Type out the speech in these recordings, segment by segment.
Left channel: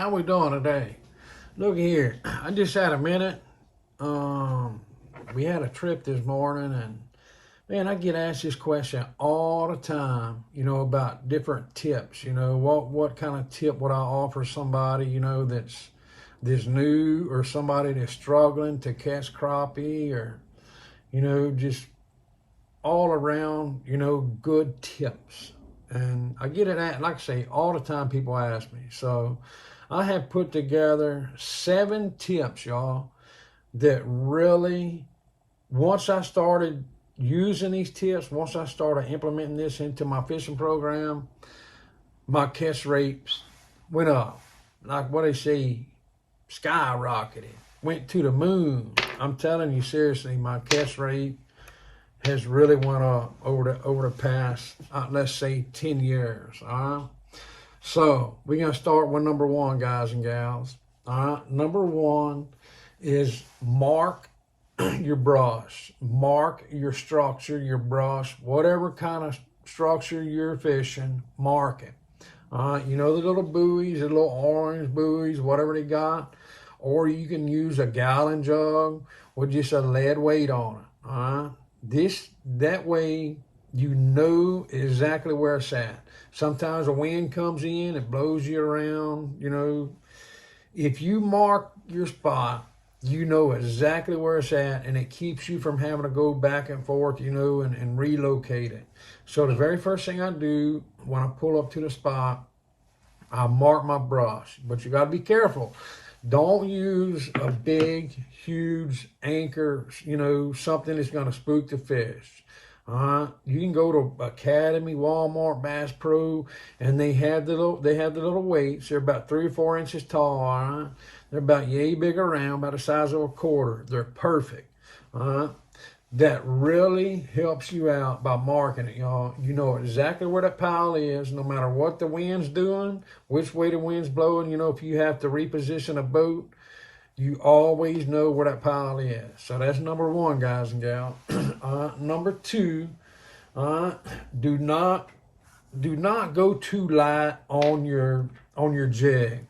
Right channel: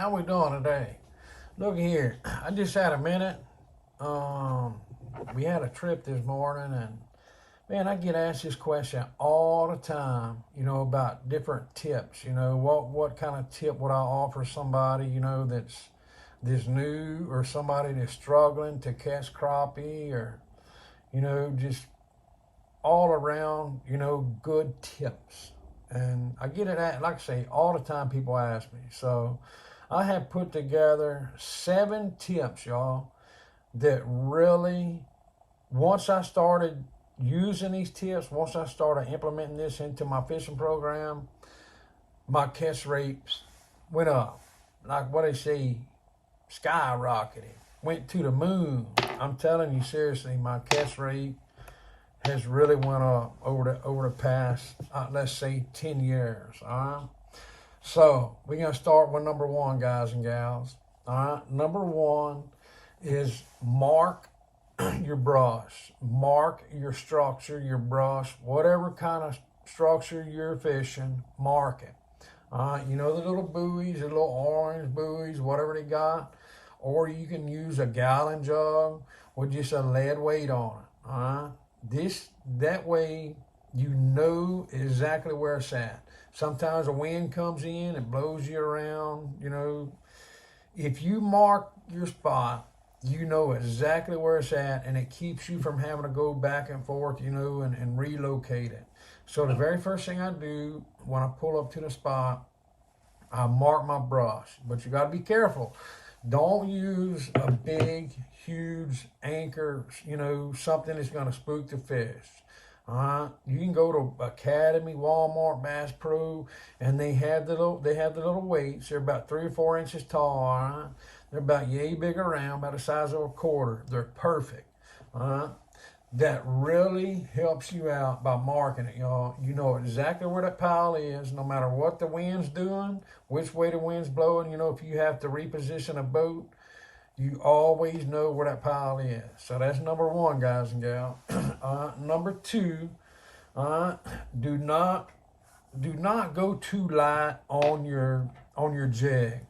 How we doing today? Look here, I just had a minute. We had a trip this morning, and man, I get asked this question all the time. About different tips. What kind of tip would I offer somebody? That's new, or somebody that's struggling to catch crappie, or just all around. Good tips. And I get it at, like I say, all the time people ask me. So I have put together 7 tips, y'all, that really, once I started using these tips, once I started implementing this into my fishing program, my catch rates went up. Like what they say, skyrocketed, went to the moon. I'm telling you seriously, my catch rate has really went up over the past, let's say, 10 years. All right. So we're gonna start with number 1, guys and gals. All right. Number 1 is mark your brush. Mark your structure, your brush, whatever kind of structure you're fishing. Mark it. All right. The little buoys, the little orange buoys, whatever they got, or you can use a gallon jug with just a lead weight on it. All right. That way you know exactly where it's at. Sometimes a wind comes in, it blows you around. If you mark your spot, you know exactly where it's at, and it keeps you from having to go back and forth, and relocate it. So the very first thing I do when I pull up to the spot, I mark my brush. But you got to be careful. Don't use a big, huge anchor, something that's going to spook the fish. You can go to Academy, Walmart, Bass Pro, and they have the little weights. They're about 3 or 4 inches tall. All right? They're about yay big around, about the size of a quarter. They're perfect. That really helps you out by marking it, y'all. You know exactly where that pile is, no matter what the wind's doing, which way the wind's blowing. If you have to reposition a boat, you always know where that pile is. So that's number 1, guys and gals. Number 2, do not go too light on your jig.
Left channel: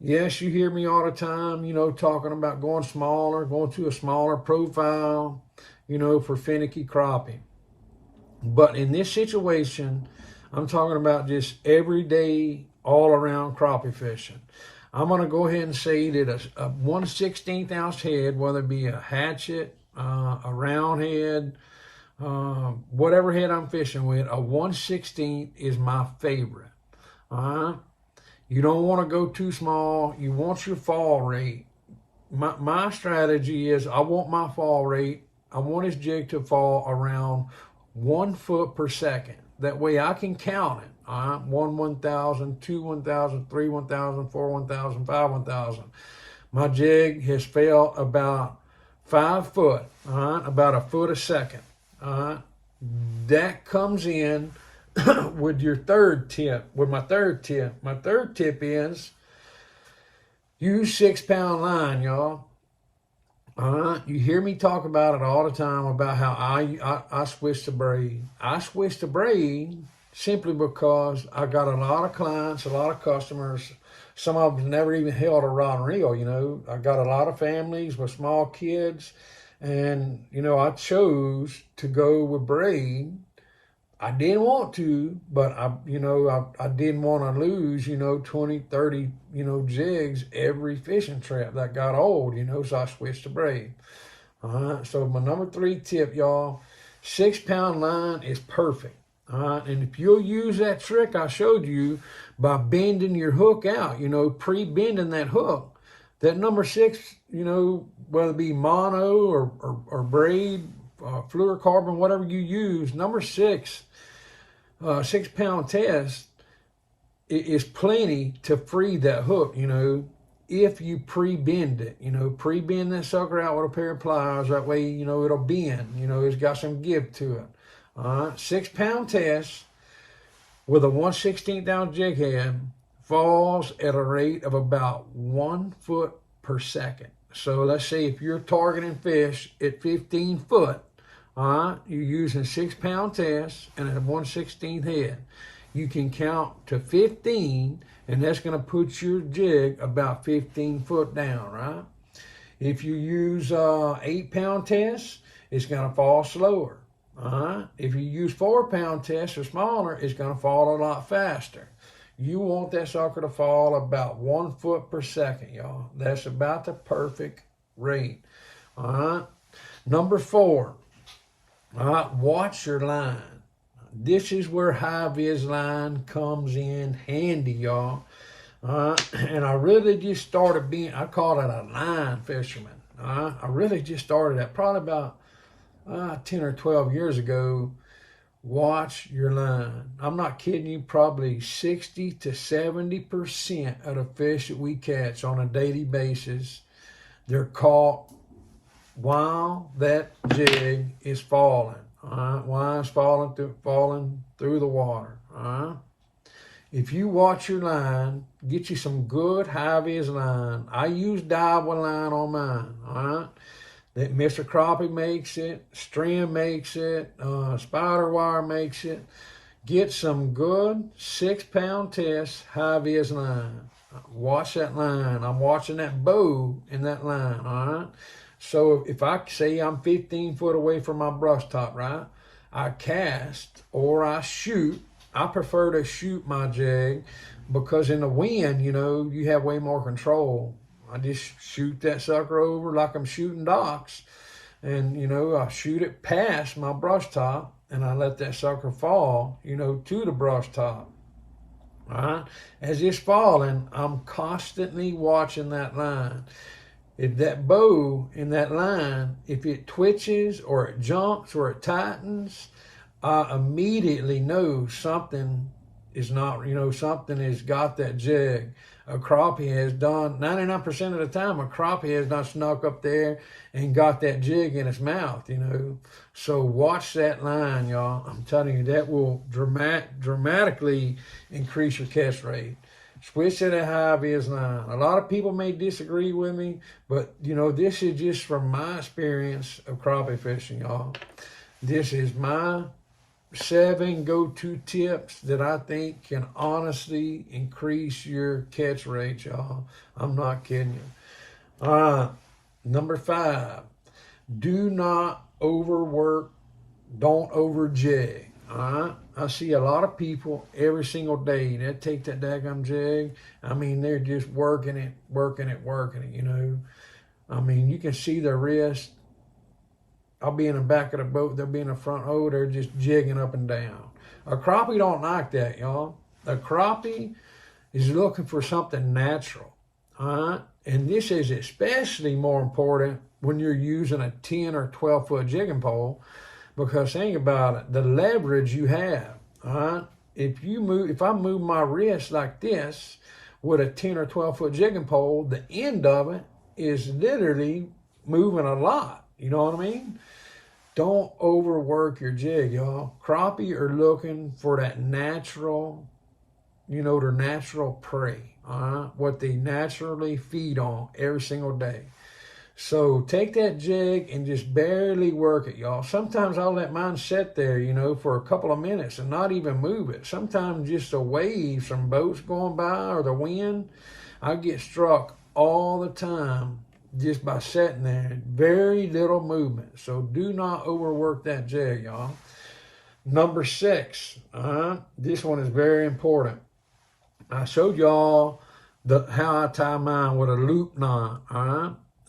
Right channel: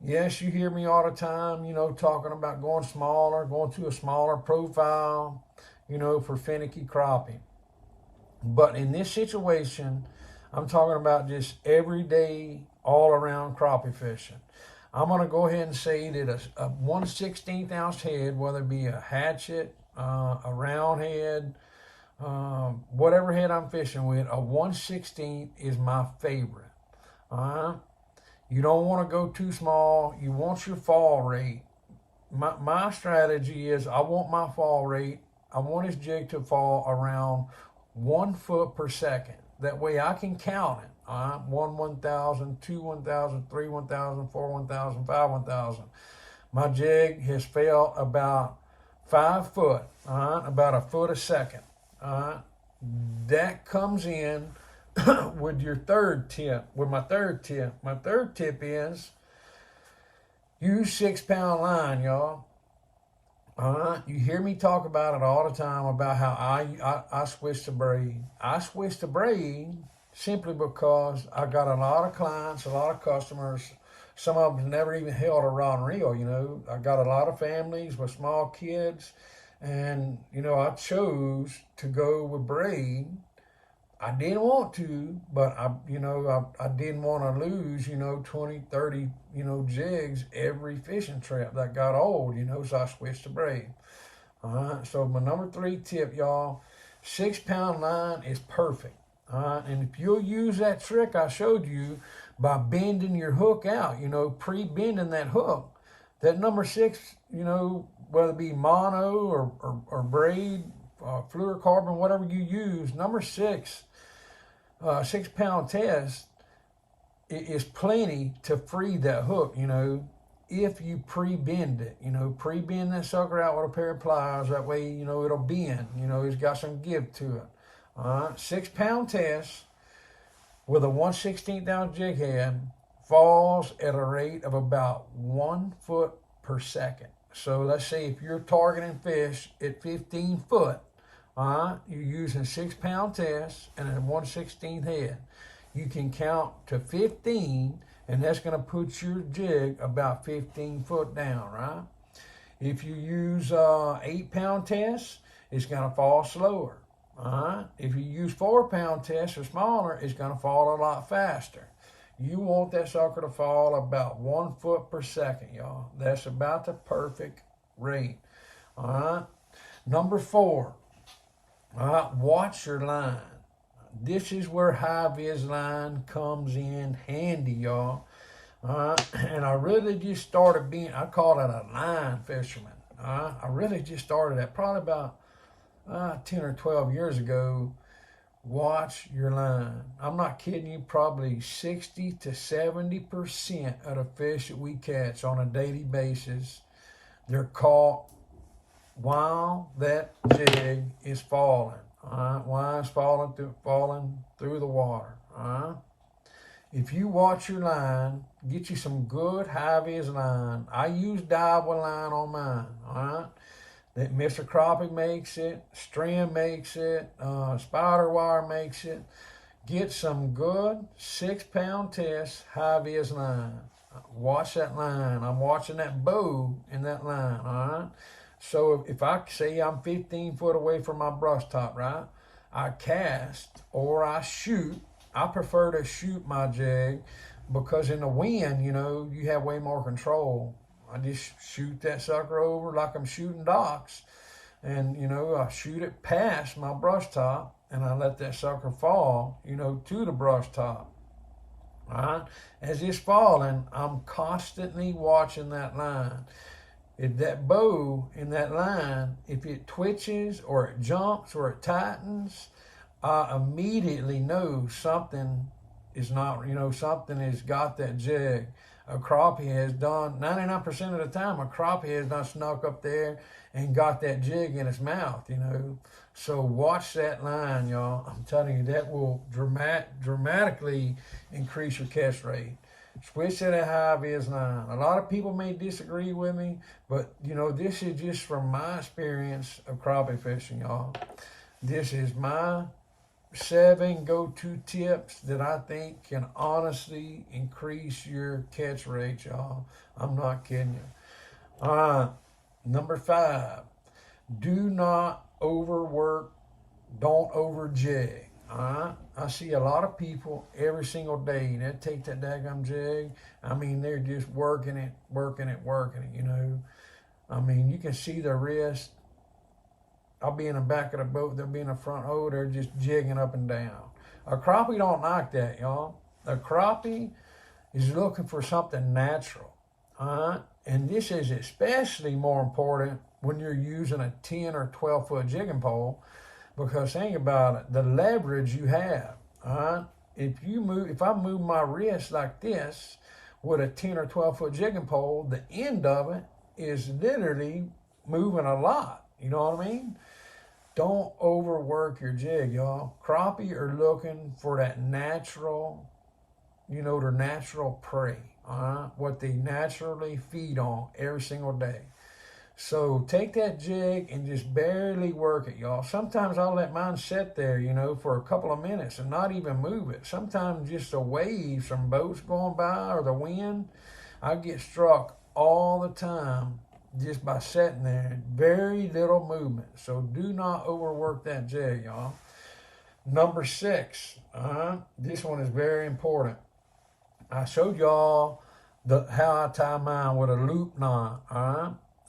Yes, you hear me all the time, talking about going smaller, going to a smaller profile, for finicky crappie. But in this situation, I'm talking about just everyday, all around crappie fishing. I'm going to go ahead and say that a 1/16 ounce head, whether it be a hatchet, a round head, whatever head I'm fishing with, a 1/16 is my favorite. You don't want to go too small. You want your fall rate. My strategy is I want my fall rate, I want his jig to fall around 1 foot per second. That way I can count it. 1 1,000, 2 1,000, 3 1,000, 4 1,000, 5 1,000. My jig has fell about 5 foot, about a foot a second. That comes in with your third tip, with my third tip. My third tip is use 6-pound line, y'all. You hear me talk about it all the time about how I switch to braid. I switch to braid simply because I got a lot of clients, a lot of customers. Some of them never even held a rod and reel. I got a lot of families with small kids, and I chose to go with braid. I didn't want to, but I didn't want to lose, 20, 30, jigs every fishing trip that got old, so I switched to braid. So my number 3 tip, y'all, 6-pound line is perfect. And if you'll use that trick I showed you by bending your hook out, pre-bending that hook, that number 6, whether it be mono or braid, fluorocarbon, whatever you use, number 6, 6-pound test is plenty to free that hook, if you pre-bend it, pre-bend that sucker out with a pair of pliers. That way, it'll bend, it's got some give to it. 6-pound test with a 1/16 ounce jig head falls at a rate of about 1 foot per second. So let's say if you're targeting fish at 15 foot, you're using 6-pound test and a 1/16 head. You can count to 15 and that's going to put your jig about 15 foot down, right? If you use 8-pound test, it's going to fall slower. If you use 4-pound test or smaller, it's going to fall a lot faster. You want that sucker to fall about 1 foot per second, y'all. That's about the perfect rate. Number 4, watch your line. This is where high-vis line comes in handy, y'all. And I really just started being, I call it a line fisherman. I really just started that probably about 10 or 12 years ago. Watch your line. I'm not kidding you, probably 60 to 70% of the fish that we catch on a daily basis, they're caught while that jig is falling. While it's falling through the water. If you watch your line, get you some good high-vis line. I use Daiwa line on mine. That Mr. Crappie makes it, String makes it, Spider Wire makes it. Get some good 6-pound test high-vis line. Watch that line. I'm watching that bow in that line, So if I say I'm 15 foot away from my brush top, right? I cast or I shoot. I prefer to shoot my jig because in the wind, you have way more control. I just shoot that sucker over like I'm shooting docks. And, I shoot it past my brush top and I let that sucker fall, to the brush top. As it's falling, I'm constantly watching that line. If that bow in that line, if it twitches or it jumps or it tightens, I immediately know something is not, something has got that jig. A crappie has done, 99% of the time, a crappie has not snuck up there and got that jig in its mouth, So watch that line, y'all. I'm telling you, that will dramatically increase your catch rate. Switch to that high-vis line. A lot of people may disagree with me, but, this is just from my experience of crappie fishing, y'all. This is my 7 go-to tips that I think can honestly increase your catch rate, y'all. I'm not kidding you. Number 5, do not overwork, don't over jig. I see a lot of people every single day that take that daggum jig. I mean, they're just working it, I mean, you can see their wrist. I'll be in the back of the boat, they'll be in the front. Oh, they're just jigging up and down. A crappie don't like that, y'all. A crappie is looking for something natural. And this is especially more important when you're using a 10 or 12 foot jigging pole, because think about it, the leverage you have. If I move my wrist like this with a 10 or 12 foot jigging pole, the end of it is literally moving a lot. You know what I mean? Don't overwork your jig, y'all. Crappie are looking for that natural, their natural prey, what they naturally feed on every single day. So take that jig and just barely work it, y'all. Sometimes I'll let mine sit there, for a couple of minutes and not even move it. Sometimes just the waves from boats going by or the wind, I get struck all the time just by sitting there. Very little movement. So do not overwork that jig, y'all. Number 6, this one is very important. I showed y'all how I tie mine with a loop knot,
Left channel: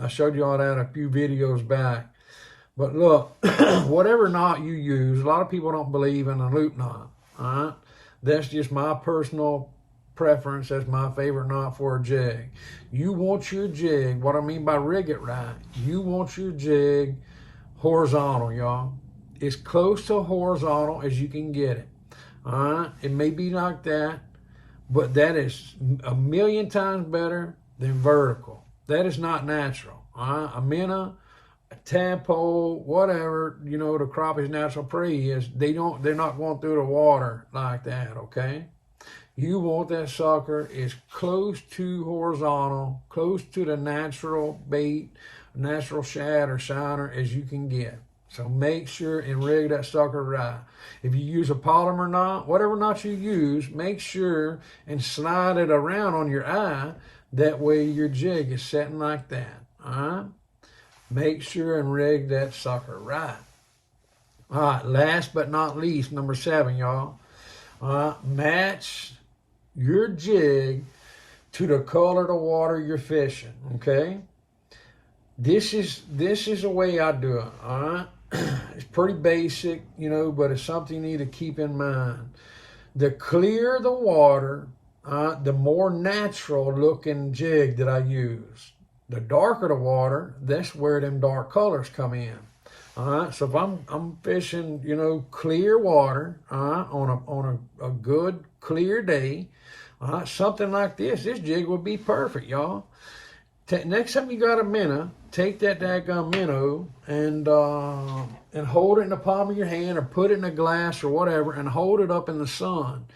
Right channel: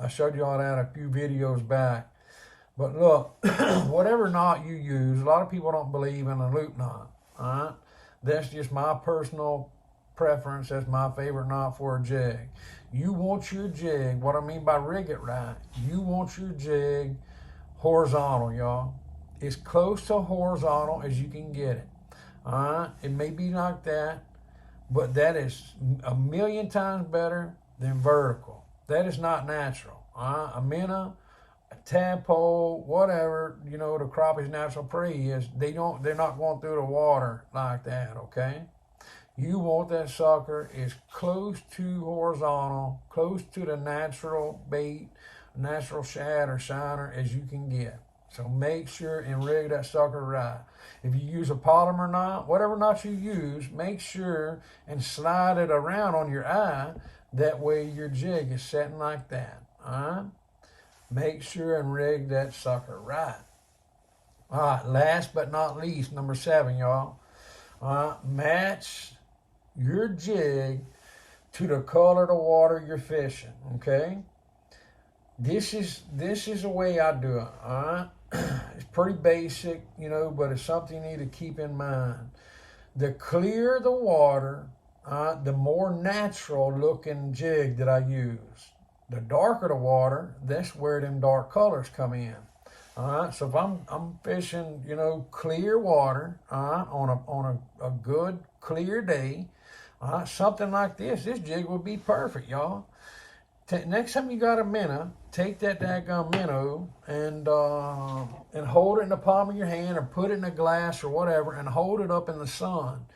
I showed y'all that a few videos back. But look, whatever knot you use, a lot of people don't believe in a loop knot, That's just my personal preference. That's my favorite knot for a jig. You want your jig, what I mean by rig it right, you want your jig horizontal, y'all. As close to horizontal as you can get it. It may be like that, but that is a million times better than vertical. That is not natural. A minnow, a tadpole, whatever, the crappie's natural prey is, they're not going through the water like that, okay? You want that sucker as close to horizontal, close to the natural bait, natural shad or shiner as you can get. So make sure and rig that sucker right. If you use a polymer knot, whatever knot you use, make sure and slide it around on your eye. That way your jig is setting like that. All right? Make sure and rig that sucker right. All right, last but not least, number 7, y'all. Match your jig to the color of the water you're fishing, okay? This is the way I do it, all right? It's pretty basic, you know, but it's something you need to keep in mind. The clearer the water, the more natural looking jig that I use. The darker the water, that's where them dark colors come in. All right, so if I'm fishing, you know, clear water, on a good clear day, something like this jig would be perfect, y'all. Next time you got a minnow, take that daggone minnow and hold it in the palm of your hand or put it in a glass or whatever and hold it up in the sun.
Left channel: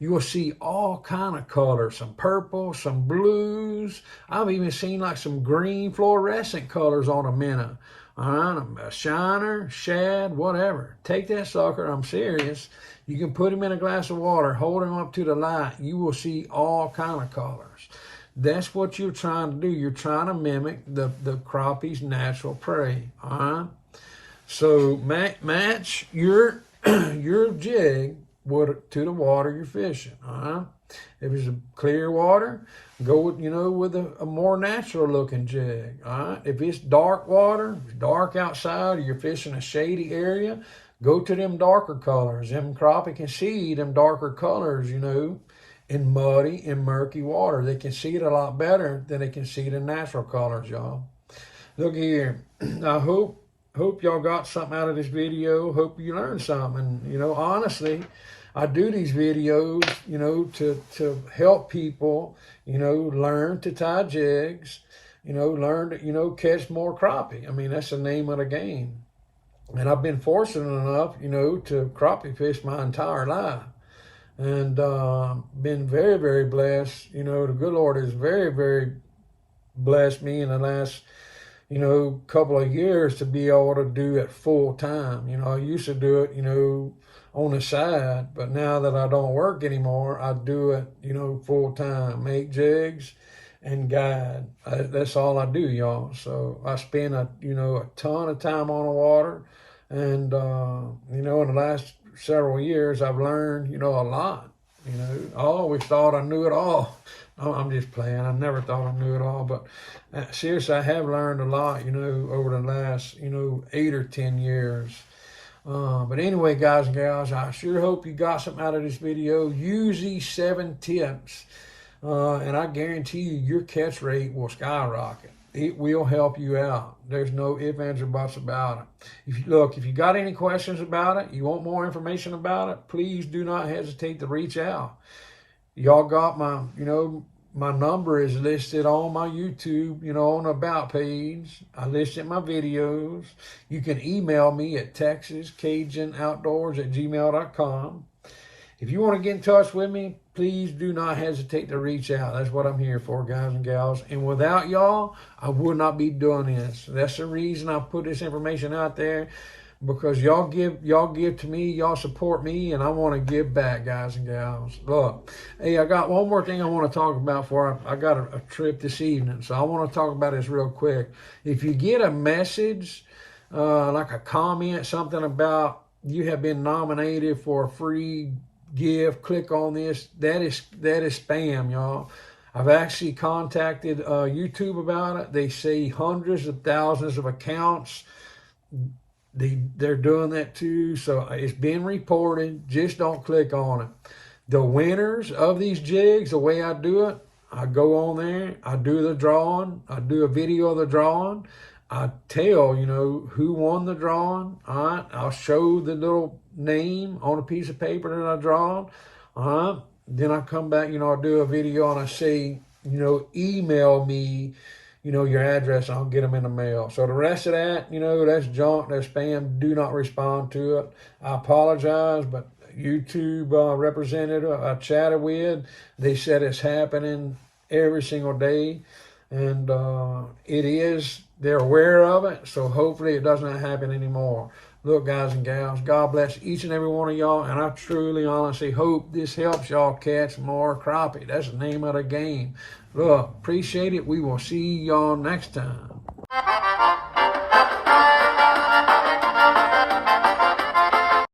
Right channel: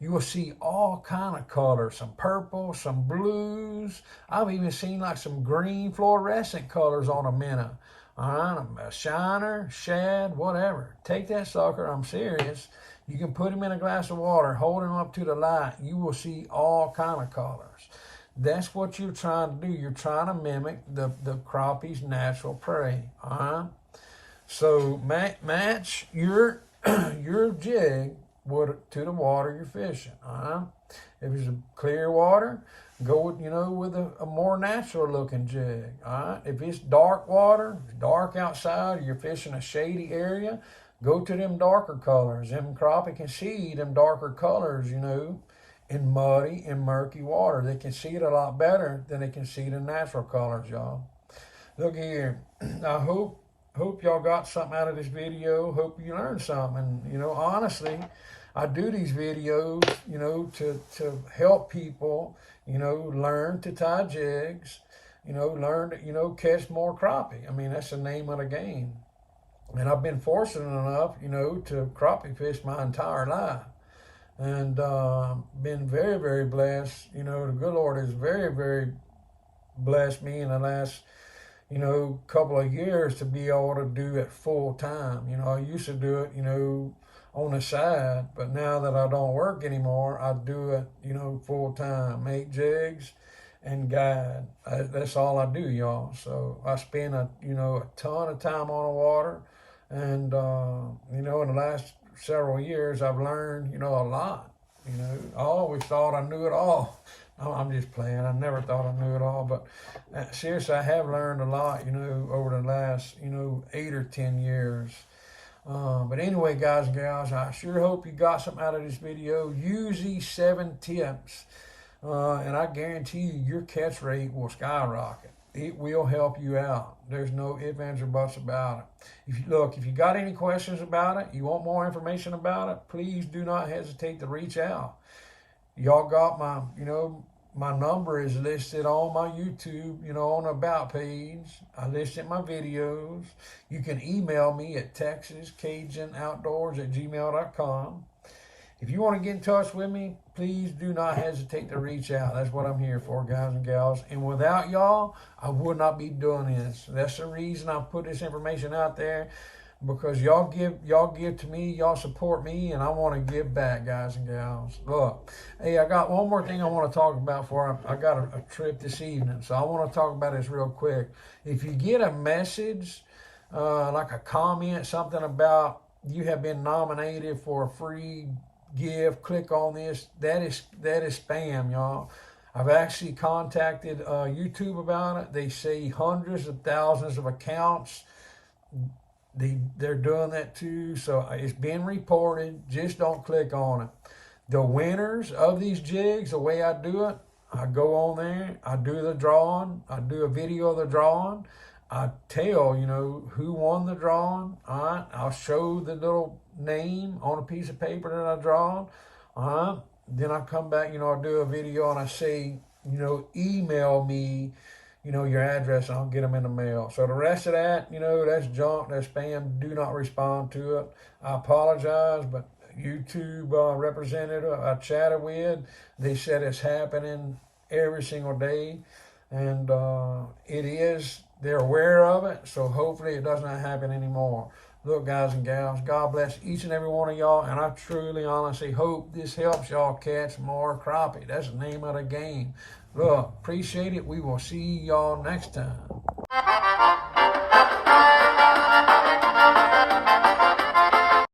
You will see all kind of colors, some purple, some blues. I've even seen like some green fluorescent colors on a minnow. A shiner, shad, whatever. Take that sucker, I'm serious. You can put him in a glass of water, hold him up to the light. You will see all kind of colors. That's what you're trying to do. You're trying to mimic the crappie's natural prey. So match your your jig to the water you're fishing. If it's a clear water, go with a more natural looking jig. If it's dark water, dark outside, or you're fishing a shady area, go to them darker colors. Them crappie can see them darker colors, in muddy and murky water. They can see it a lot better than they can see the natural colors, y'all. Look here. I hope y'all got something out of this video. Hope you learned something. Honestly, I do these videos, to help people, learn to tie jigs, learn to, catch more crappie. I mean, that's the name of the game. And I've been fortunate enough, to crappie fish my entire life. And been very, very blessed. The good Lord has very, very blessed me in the last, couple of years to be able to do it full time. I used to do it, on the side, but now that I don't work anymore, I do it, full time. Make jigs and guide. That's all I do, y'all. So I spend a ton of time on the water, and in the last several years I've learned, a lot. I always thought I knew it all. I'm just playing. I never thought I knew it all, but seriously, I have learned a lot, over the last, 8 or 10 years. But anyway, guys and gals, I sure hope you got something out of this video. Use these 7 tips, and I guarantee you your catch rate will skyrocket. It will help you out. There's no ifs, ands, or buts about it. If you got any questions about it, you want more information about it, please do not hesitate to reach out. Y'all got my, my number is listed on my YouTube, on the About page. I listed my videos. You can email me at texascajunOutdoors@gmail.com. If you want to get in touch with me, please do not hesitate to reach out. That's what I'm here for, guys and gals. And without y'all, I would not be doing this. That's the reason I put this information out there, because y'all give to me, y'all support me, and I want to give back, guys and gals. Look, hey, I got one more thing I want to talk about before I got a trip this evening, so I want to talk about this real quick. If you get a message, like a comment, something about you have been nominated for a free gift, click on this, that is spam, y'all. I've actually contacted YouTube about it. They say hundreds of thousands of accounts, they're doing that too, so it's been reported. Just don't click on it. The winners of these jigs, the way I do it, I go on there, I do the drawing, I do a video of the drawing, I tell, who won the drawing. All right, I'll show the little name on a piece of paper that I draw. Then I come back, I do a video and I say, email me, your address, and I'll get them in the mail. So the rest of that, that's junk, that's spam. Do not respond to it. I apologize, but YouTube representative I chatted with, they said it's happening every single day. And it is, they're aware of it, so hopefully it doesn't happen anymore. Look, guys and gals, God bless each and every one of y'all, and I truly, honestly hope this helps y'all catch more crappie. That's the name of the game. Look, appreciate it. We will see y'all next time.